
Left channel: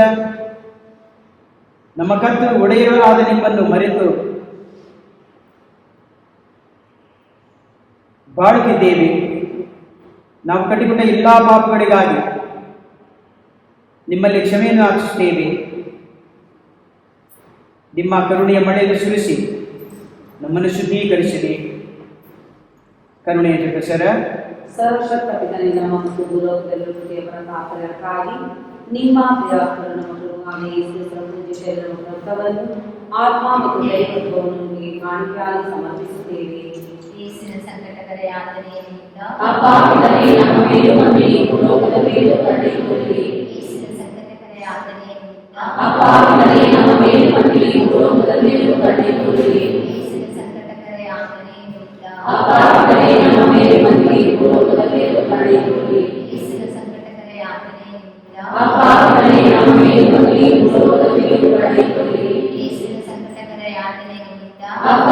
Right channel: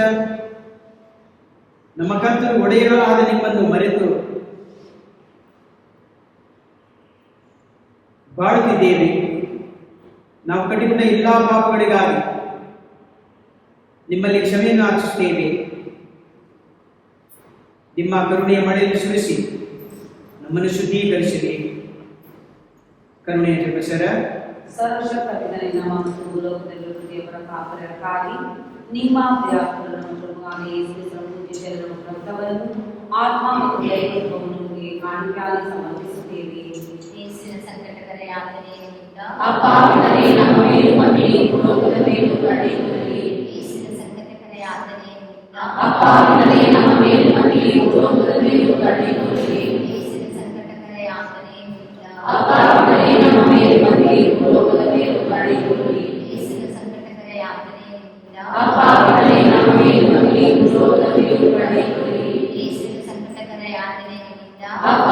ನಮ್ಮ ಕರ್ತರು ಒಡೆಯರೂ ಆದ ನಿಮ್ಮನ್ನು ಮರೆತು ಬಾಳುತ್ತಿದ್ದೇವೆ. ನಾವು ಕಟ್ಟಿಕೊಂಡ ಎಲ್ಲಾ ಪಾಪಗಳಿಗಾಗಿ ನಿಮ್ಮಲ್ಲಿ ಕ್ಷಮೆಯನ್ನು ಯಾಚಿಸುತ್ತೇವೆ. ನಿಮ್ಮ ಕರುಣೆಯ ಮಳೆಯನ್ನು ಸುರಿಸಿ ನಮ್ಮನ್ನು ಶುದ್ಧೀಕರಿಸಿದೆ. ಕರುಣೆಯ ಜಗಸರ ಸರ್ವಶಕ್ತ ಪಿತನಿಂದ ಮತ್ತು ಭೂಲೋಕದಲ್ಲಿ ಪ್ರತಾಪಕ್ಕಾಗಿ ನಿಮ್ಮ ಪ್ರಿಯಕರನ್ನು ಯೇಸುವನ್ನು ಕೊಟ್ಟವನ್ನು ಆತ್ಮ ಮತ್ತು ದೈವತ್ವವನ್ನು ಕಾಣಿಕೆಯಾಗಿ ಸಮರ್ಪಿಸುತ್ತೇವೆ. ಯೇಸುವಿನ ಸಂಕಟಕರ ಯಾತನೆಯಿಂದ ಅಪ್ಪಾವಿನವೇ, ನಮ್ಮ ಮೇಲೂ ನಮ್ಮ ಇಡೀ ಭೂಲೋಕದ ಮೇಲೂ ಕರುಣೆಯಿರಲಿ. ಯೇಸುವಿನ ಸಂಕಟಕರ ಯಾತನೆಯಿಂದ ಅಪ್ಪಾವಿನವೇ, ನಮ್ಮ ಮೇಲೂ ನಮ್ಮ ಇಡೀ ಭೂಲೋಕದ ಮೇಲೂ ಕರುಣೆಯಿರಲಿ. ಯೇಸುವಿನ ಸಂಕಟಕರ ಯಾತನೆಯಿಂದ ಅಪ್ಪಾವಿನವೇ, ನಮ್ಮ ಮೇಲೂ ನಮ್ಮ ಇಡೀ ಭೂಲೋಕದ ಮೇಲೂ ಕರುಣೆಯಿರಲಿ. ಯೇಸುವಿನ ಸಂಕಟಕರ ಯಾತನೆಯಿಂದ ಅಪ್ಪಾವಿನವೇ, ನಮ್ಮ ಮೇಲೂ ನಮ್ಮ ಇಡೀ ಭೂಲೋಕದ ಮೇಲೂ ಕರುಣೆಯಿರಲಿ. ಯೇಸುವಿನ ಸಂಕಟಕರ ಯಾತನೆಯಿಂದ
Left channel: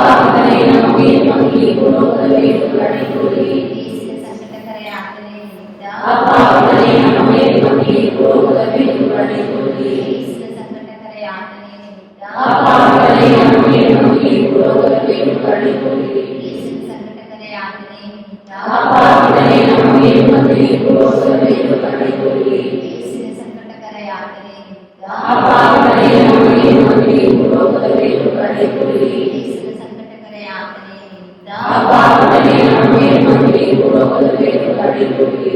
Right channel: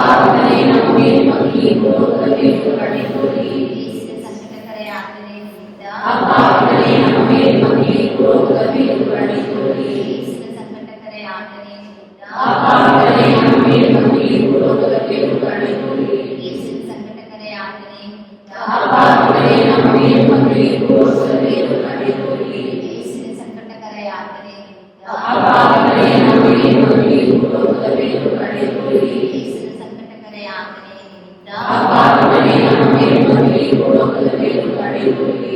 ಅಪ್ಪಾವಿನವೇ, ನಮ್ಮ ಮೇಲೂ ನಮ್ಮ ಇಡೀ ಭೂಲೋಕದ ಮೇಲೂ ಕರುಣೆಯಿರಲಿ. ಯೇಸುವಿನ ಸಂಕಟಕರ ಯಾತನೆಯಿಂದ ಅಪ್ಪಾವಿನವೇ, ನಮ್ಮ ಮೇಲೂ ನಮ್ಮ ಇಡೀ ಭೂಲೋಕದ ಮೇಲೂ ಕರುಣೆಯಿರಲಿ. ಯೇಸುವಿನ ಸಂಕಟಕರ ಯಾತನೆಯಿಂದ ಅಪ್ಪಾವಿನವೇ, ನಮ್ಮ ಮೇಲೂ ನಮ್ಮ ಇಡೀ ಭೂಲೋಕದ ಮೇಲೂ ಕರುಣೆಯಿರಲಿ. ಯೇಸುವಿನ ಸಂಕಟಕರ ಯಾತನೆಯಿಂದ ಅಪ್ಪಾವಿನವೇ, ನಮ್ಮ ಮೇಲೂ ನಮ್ಮ ಇಡೀ ಭೂಲೋಕದ ಮೇಲೂ ಕರುಣೆಯಿರಲಿ. ಯೇಸುವಿನ ಸಂಕಟಕರ ಯಾತನೆಯಿಂದ ಅಪ್ಪಾವಿನವೇ, ನಮ್ಮ ಮೇಲೂ ನಮ್ಮ ಇಡೀ ಭೂಲೋಕದ ಮೇಲೂ ಕರುಣೆಯಿರಲಿ. ಯೇಸುವಿನ ಸಂಕಟಕರ ಯಾತನೆಯಿಂದ ಅಪ್ಪಾವಿನವೇ, ನಮ್ಮ ಮೇಲೂ ನಮ್ಮ ಇಡೀ ಭೂಲೋಕದ ಮೇಲೂ ಕರುಣೆಯಿರಲಿ.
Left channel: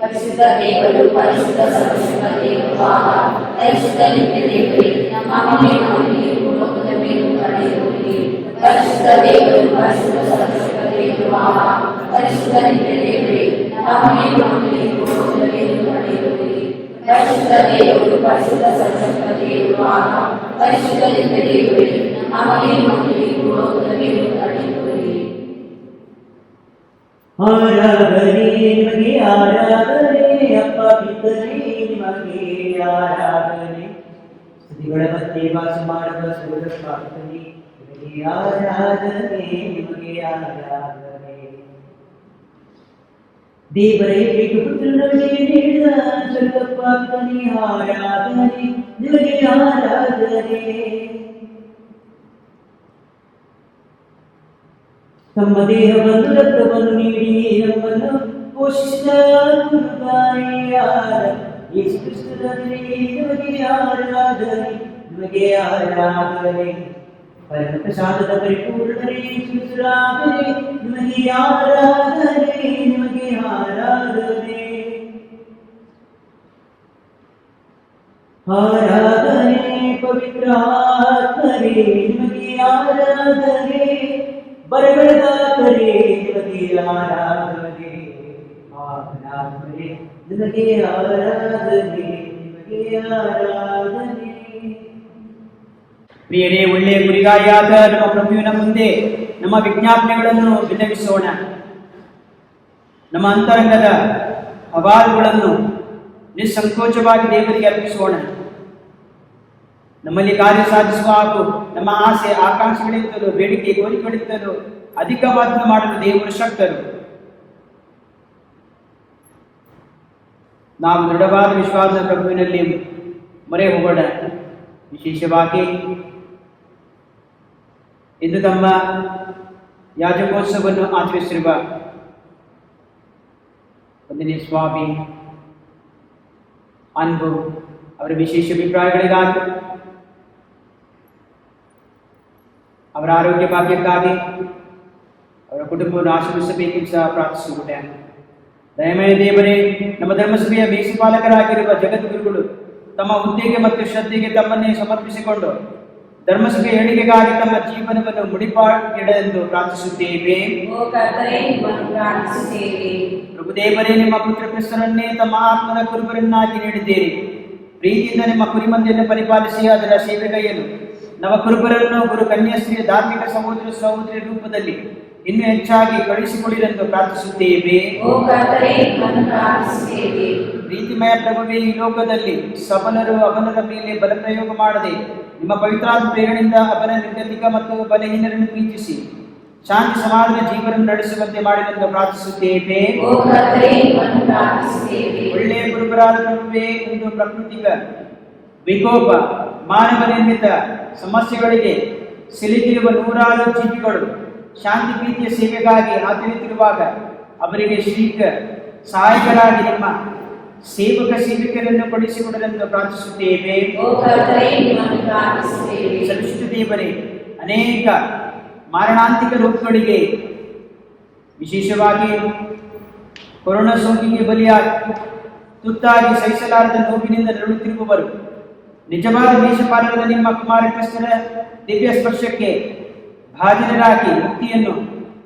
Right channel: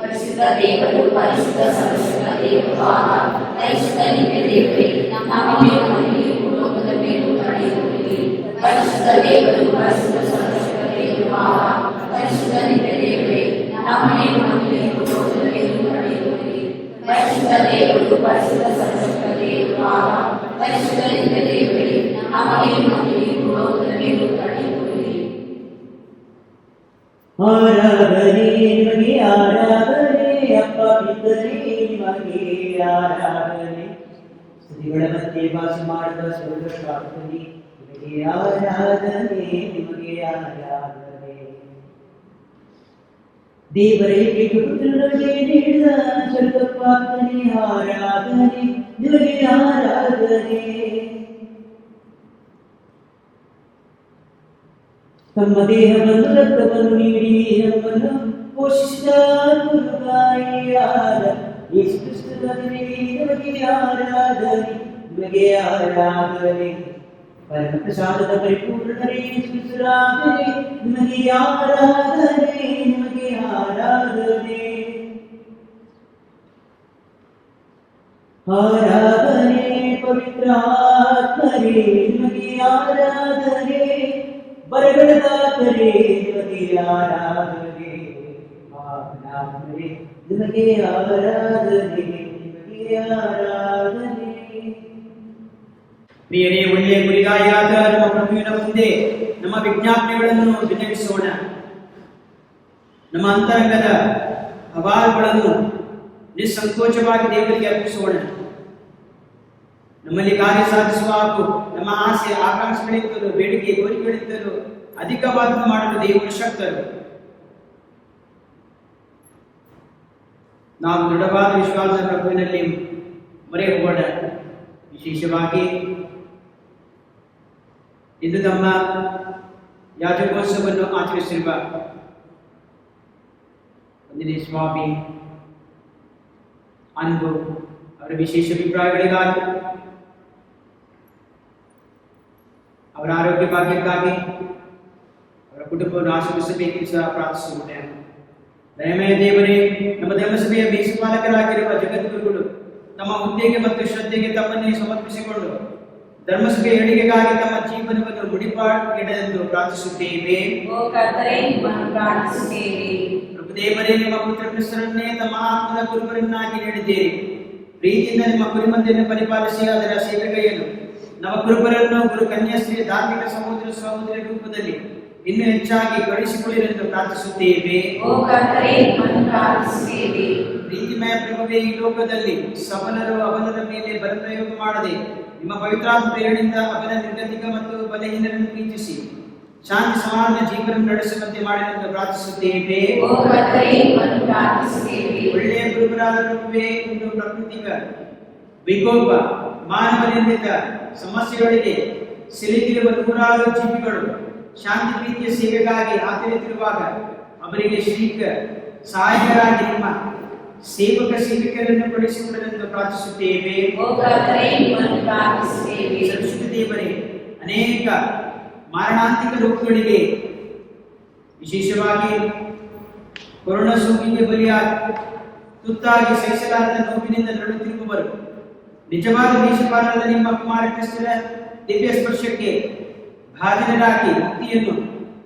ಪರಿಶುದ್ಧ ದೇವರು, ಪರಿಶುದ್ಧ ಸರ್ವಶಕ್ತ ದೇವರು, ಪರಿಶುದ್ಧ ನಿತ್ಯ ದೇವರೇ, ನಮ್ಮ ಮೇಲೂ ನಮ್ಮ ಇಡೀ ಭೂಲೋಕದ ಮೇಲೂ ಕರುಣೆಯಿರಲಿ. ಪರಿಶುದ್ಧ ದೇವರು, ಪರಿಶುದ್ಧ ಸರ್ವಶಕ್ತ ದೇವರು, ಪರಿಶುದ್ಧ ನಿತ್ಯ ದೇವರೇ, ನಮ್ಮ ಮೇಲೂ ನಮ್ಮ ಇಡೀ ಭೂಲೋಕದ ಮೇಲೂ ಕರುಣೆಯಿರಲಿ. ಪರಿಶುದ್ಧ ದೇವರು, ಪರಿಶುದ್ಧ ಸರ್ವಶಕ್ತ ದೇವರು, ಪರಿಶುದ್ಧ ನಿತ್ಯ ದೇವರೇ, ನಮ್ಮ ಮೇಲೂ ನಮ್ಮ ಇಡೀ ಭೂಲೋಕದ ಮೇಲೂ ಕರುಣೆಯಿರಲಿ. ಆರಾಧನೆ ನಿಮಗೆ, ಆರಾಧನೆ ಅಪ್ಪ ಪಿತನೇ ನಿಮಗೆ ಆರಾಧನೆ. ಸ್ತುತಿಗಳ ಮಧ್ಯೆ ವಾಸ ಮಾಡುವ ಸ್ವರ್ಗಪಾತನೇ ನಿಮಗೆ ಆರಾಧನೆ, ನಿಮಗೆ ಆರಾಧನೆ. ದೇವರೇ ಏಕಪುತ್ರ ನಮಗೆ ನೀಡಿದ ಸ್ವರ್ಗಪ್ರಾಪ್ತನೆ ಆರಾಧನೆ ನಿಮಗೆ ಆರಾಧನೆ. ತಮ್ಮ ದೇಹವನ್ನು ರಕ್ತವನ್ನು ನೀಡಿ ನಮ್ಮನ್ನು ಪೋಷಿಸಿದ ಗುರುತಾಯಿಯಾದ ಯೇಸು ಕ್ರಿಸ್ತನೇ ನಿಮಗೆ ಆರಾಧನೆ ನಿಮಗೆ ಆರಾಧನೆ. ಪರಮ ಪ್ರಸಾದದ ಪರಿಪೂರ್ಣರೇ ಸುರಾಧನೆ ನಿಮಗೆ ಆರಾಧನೆ ನಿಮಗೆ ಆರಾಧನೆ. ಆರಾಧನೆ ಪವಿತ್ರ ಆತ್ಮರೇ ನಿಮಗೆ ಆರಾಧನೆ. ಬರಗಳದಾತರೇ ನಿಮಗೆ ಆರಾಧನೆ. ಆತ್ಮರೇ ನಿಮಗೆ ಆರಾಧನೆ ನಿಮಗೆ ಆರಾಧನೆ. ಪ್ರಿಯರೇ, ಒಳ್ಳೆಯ ಗುರಿಗಾರಿಯಾದ ನಮ್ಮ ಪ್ರಭುವಿನ ಮುಂದೆ ನಮ್ಮ ವಿಜ್ಞಾಪನೆಗಳನ್ನು ವಿನವಿಸೋಣ. ನಮ್ಮ ಅಂತರಂಗದ ಅಹವಾಲುಗಳನ್ನು ನಿಸ್ಸಂಕೋಚವಾಗಿ ದೇವರಿಗೆ ಅರ್ಪಿಸೋಣ. ನಮ್ಮಲ್ಲಿ ಕಾರ್ಯ ಸಾಧಿಸುವ ಹಾಗೂ ನಮ್ಮ ಆಸೆ ಆಕಾಂಕ್ಷೆಗಳಿಂದಲೂ ಬೇಡಿಕೆ ಕೋರಿಕೆಗಳಿಂದಲೂ ಅಧಿಕವಾಗಿ ಮಾಡಲು ದೇವರು ಶಕ್ತರು. ನಾವು ದೃಢವಾದ ವಿಶ್ವಾಸದ ಪ್ರಭುವಿನಲ್ಲಿ ಮೊರೆ ಹೋಗೋಣ. ವಿಶೇಷವಾಗಿ ಇಂದು ತಮ್ಮ ಯಾಜಕೋತ್ಸವವನ್ನು ಆಚರಿಸಿರುವ ಒಂದನೇ ಸ್ವಾಮಿ ಅನ್ಬು ಅವರ ವಿಶೇಷ ಅಭಿಪ್ರಾಯಗಳಿಗಾಗಿ, ಅವರ ಆರೋಗ್ಯ ಭಾಗ್ಯಕ್ಕಾಗಿ ಅವರ ಕುಟುಂಬವನ್ನು ಆಶೀರ್ವಿಸಬೇಕೆಂದು ಸಹ ಪ್ರಾರ್ಥಿಸುತ್ತೇನೆ. ದಯಮಯ ದೇವರೇ, ನಮ್ಮ ಧರ್ಮಸಭೆಯ ಮೇಸುಪಾಲಕರಾಗಿರುವ ಜಗದ್ಗುರುಗಳು ತಮ್ಮ ಹುದ್ದೆಗೆ ಮತ್ತು ಶ್ರದ್ಧೆಗೆ ತಮ್ಮನ್ನೇ ಸಮರ್ಪಿಸಿಕೊಂಡು ಧರ್ಮಸಭೆಯ ಏಳಿಗೆಗಾಗಿ ತಮ್ಮ ಜೀವನವನ್ನು ಮುಡಿಪಾಗಿಡಲೆಂದು ಪ್ರಾರ್ಥಿಸುತ್ತೇವೆ. ಪ್ರಭು ದೇವರೇ, ನಿಮ್ಮ ಪುತ್ರ ಕ್ರಿಸ್ತನನ್ನೇ ತಮ್ಮ ಆತ್ಮದ ಕುರುಬರನ್ನಾಗಿ ನೀಡಿದ್ದೇವೆ. ಪ್ರೀತಿಯಿಂದ ನಿಮ್ಮ ಕುರಿಮಂದಿಯನ್ನು ಪರಿಪಾಲಿಸಿ ಅದರ ಸೇವೆಗೆಯನ್ನು ನವ ಕುರುಬರನ್ನು ಗುರು ಕನ್ಯಾಸ್ತ್ರೀಯ ಧಾರ್ಮಿಕ ಸಹೋದರ ಸಹೋದರಿ ರೂಪದಲ್ಲಿ ಇನ್ನೂ ಹೆಚ್ಚಾಗಿ ಕಳಿಸಿಕೊಳ್ಳಿರೆಂದು ಪ್ರಾರ್ಥಿಸುತ್ತೇವೆ. ಪ್ರೀತಿಮಯ ಪ್ರಭುವೇ, ಈ ಲೋಕದಲ್ಲಿ ಸಬಲರು ಅಬಲರ ಮೇಲೆ ಬಲಪ್ರಯೋಗ ಮಾಡದೆ ನಿಮ್ಮ ಪವಿತ್ರಾತ್ಮ ಪ್ರೇರಣೆಯಿಂದ ಅಬಲ, ನಿರ್ಗತಿಕ ಮತ್ತು ಬಲಹೀನರನ್ನು ಪ್ರೀತಿಸಿ ಶಾಂತಿ ಸಮಾಧಾನ ಜೀವನ ನಡೆಸುವಂತೆ ಮಾಡಿದಂತೆ ಪ್ರಾರ್ಥಿಸುತ್ತೇವೆ. ಒಳ್ಳೆಯ ಗುರುಬರಾದ ಪ್ರಭುವೇ, ಇಂದು ಪ್ರಾಕೃತಿಕ ವಿಕೋಪ, ಮಾನವ ನಿರ್ಮಿತ ಸಮಸ್ಯೆಗಳಿಗೆ ಸಿಲುಕಿರುವ ನೂರಾರು ಜೀವಿಗಳು ಶಾಂತಿ ಪ್ರೀತಿಯ ಸೇವೆಗಾಗಿ ಹಾತೊರೆಯುತ್ತಿರುವಾಗ ಅವರಿಗೆ ಶ್ರೀಕ ಸಹಾಯಕರಾಗಿ ನಿಮ್ಮ ಸೇವಕ ಸೇವಿಕರನ್ನು ಪಡಿಸಿಕೊಡಲೆಂದು ಪ್ರಾರ್ಥಿಸುತ್ತೇವೆ. ಸರಸ್ವತಿ ದೇವರೇ, ಅನೇಕ ಮಾರಣಾಂತಿಕ ರೋಗಗಳಿಗೆ, ವಿಶೇಷವಾಗಿ ಕೊರೋನಾ ಸೋಂಕಿಗೆ ಬಲಿಯಾಗಿ ತುತ್ತಾಗಿ ಸಹಿಸಲಾರದ ನೋವಿನಿಂದ ನರಳುತ್ತಿರುವವರು ನಿಜವಾದ ಮೇಷಪಾಲಕರ ನಿಮ್ಮ ಕುಮಾರ ಕ್ರಿಸ್ತನ ದಿವ್ಯ ಸ್ಪರ್ಶಕ್ಕೆ ಭಾಜನರಾಗಿ ಮುಕ್ತಿಯನ್ನು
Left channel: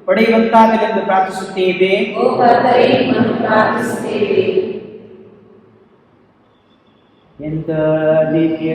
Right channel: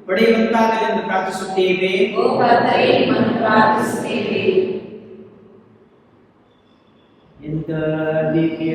ಪಡೆಯುವಂತಾಗಲೆಂದು ಪ್ರಾರ್ಥಿಸುತ್ತೇವೆ. ಎಂತ ದಿವ್ಯ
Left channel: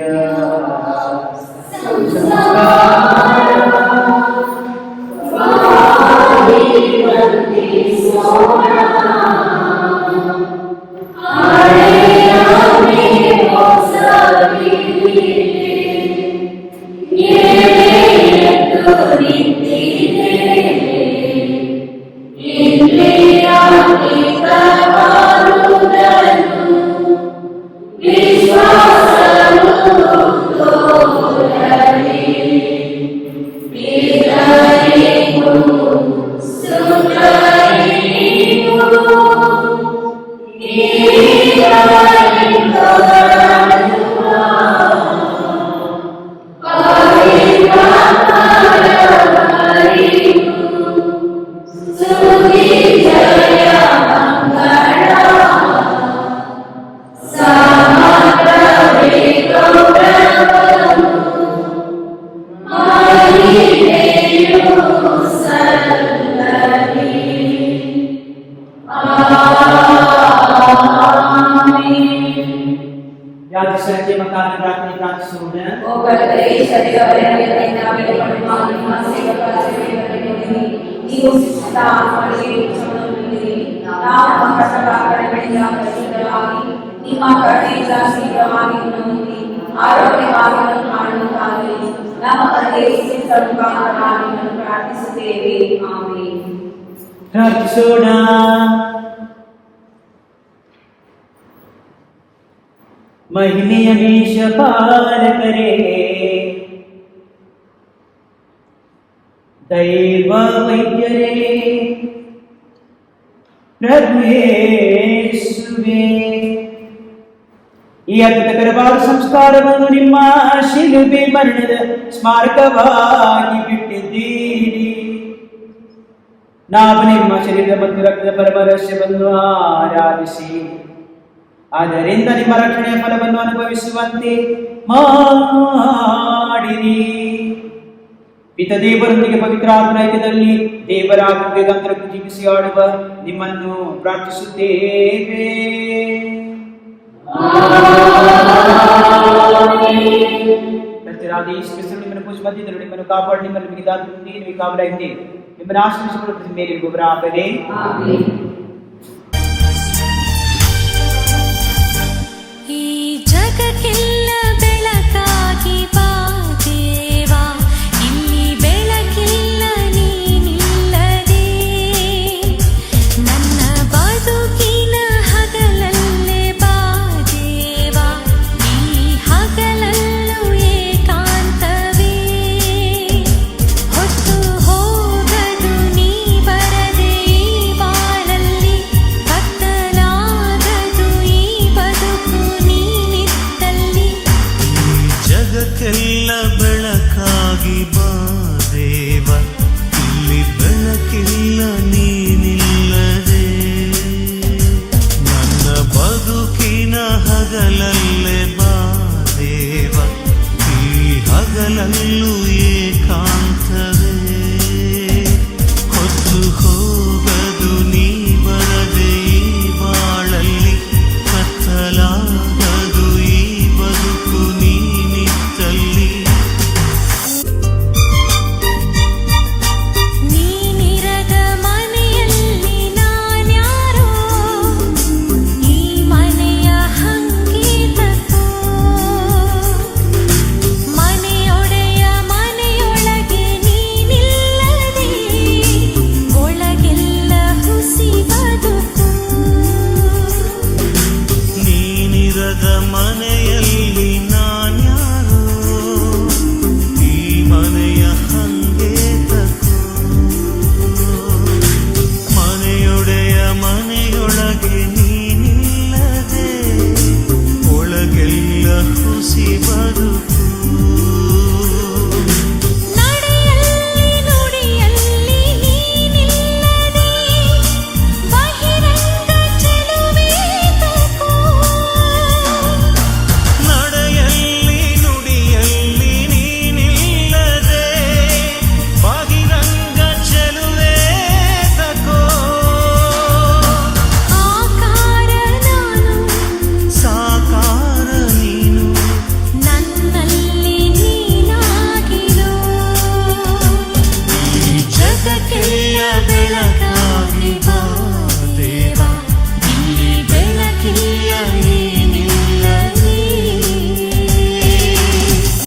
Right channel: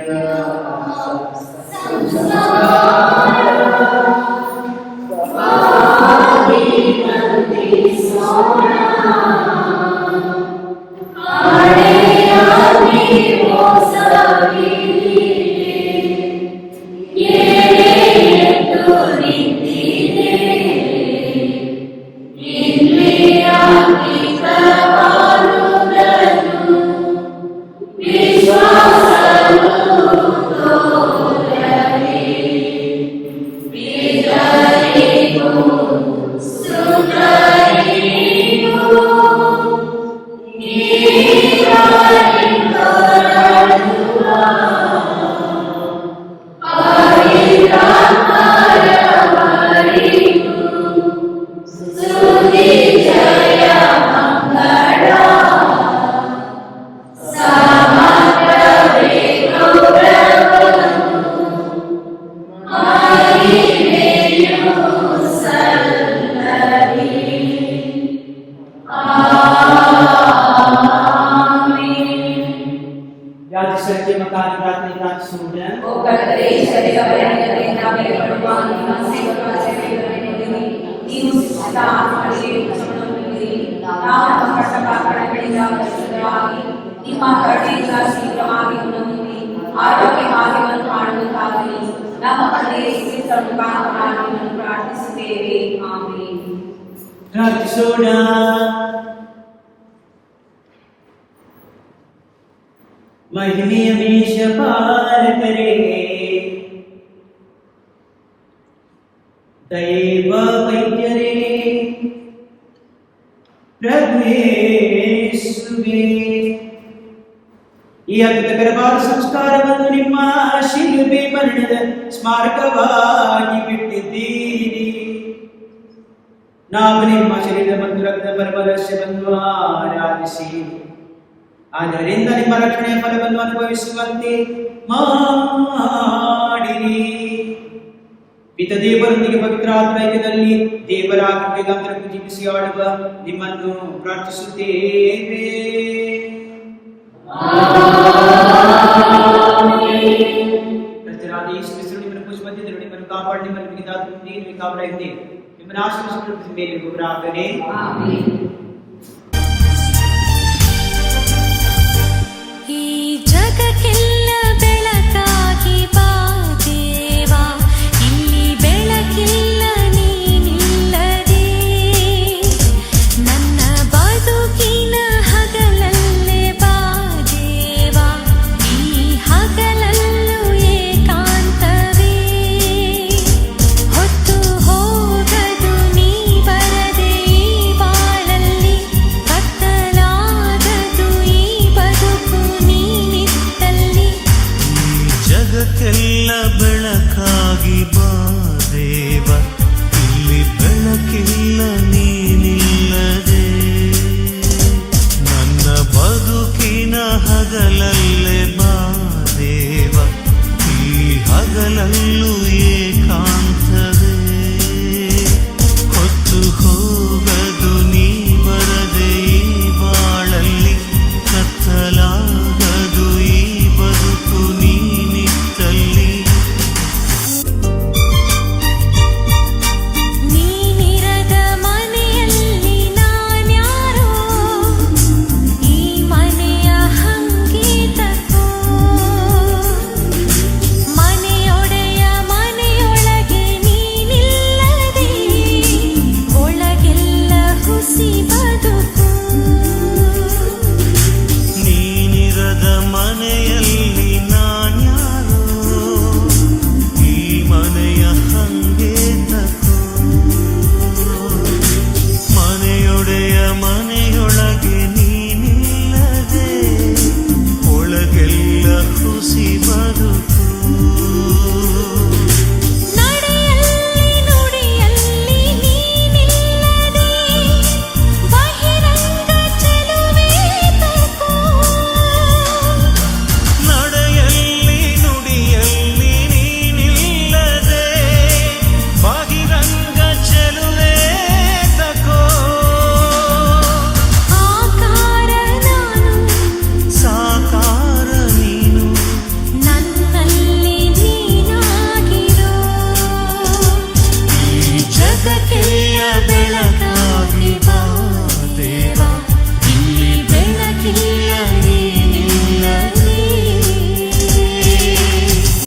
महिनी हमेश पार करे दैव वैद्यरे प्रभु ಯೇಸುವೇ ಈ ಅದ್ಭುತಕರವಾದ ಸಂಸ್ಕಾರವನ್ನು ನಿಮ್ಮ ಶಿಲುಬೆ ಮರಣದ ಸ್ಮಾರಕವಾಗಿ ಬಿಟ್ಟಿದ್ದೀರಿ. ನಾವು ನಿಮ್ಮ ಶರೀರದ ಮತ್ತು ರಕ್ತದ ಪರಮರಹಸ್ಯವನ್ನು ಆರಾಧಿಸಿ ಆದ್ದರಿಂದ ನಿಮ್ಮ ರಕ್ಷಣೆಯ ಫಲವನ್ನು ಅನುಭವಿಸುವಂತೆ ಮಾಡಿರಿ. ಪಿತ ದೇವರೊಂದಿಗೆ ಪವಿತ್ರ ಆತ್ಮೈಕ್ಯದಲ್ಲಿ ದೇವರ ಆತ್ಮವೇಗಾಂತರಕ್ಕೂ ಜೀವಿಸಿ ಆಡುವ ನಿಮ್ಮನ್ನು ಪ್ರಾರ್ಥಿಸುತ್ತೇವೆ. ಕರ್ತನಾದ ಯೇಸು ಕ್ರಿಸ್ತನು ನಿಮ್ಮನ್ನು ಪೂಜಿಸಿ ಮಧ್ಯದಲ್ಲಿ ನಿಮ್ಮನ್ನು ಕಾಪಾಡಿ ನಿಮ್ಮನ್ನು ಮಿಗಿದಾದ ನಿಮಗೆ ಕಾಪಾಡಿ ನಿಮ್ಮನ್ನು ಆಶೀರ್ವದಿಸಿಕೊಳ್ಳುವ ಮೇಲೆ ಒಬ್ಬರಾಗಲಿ.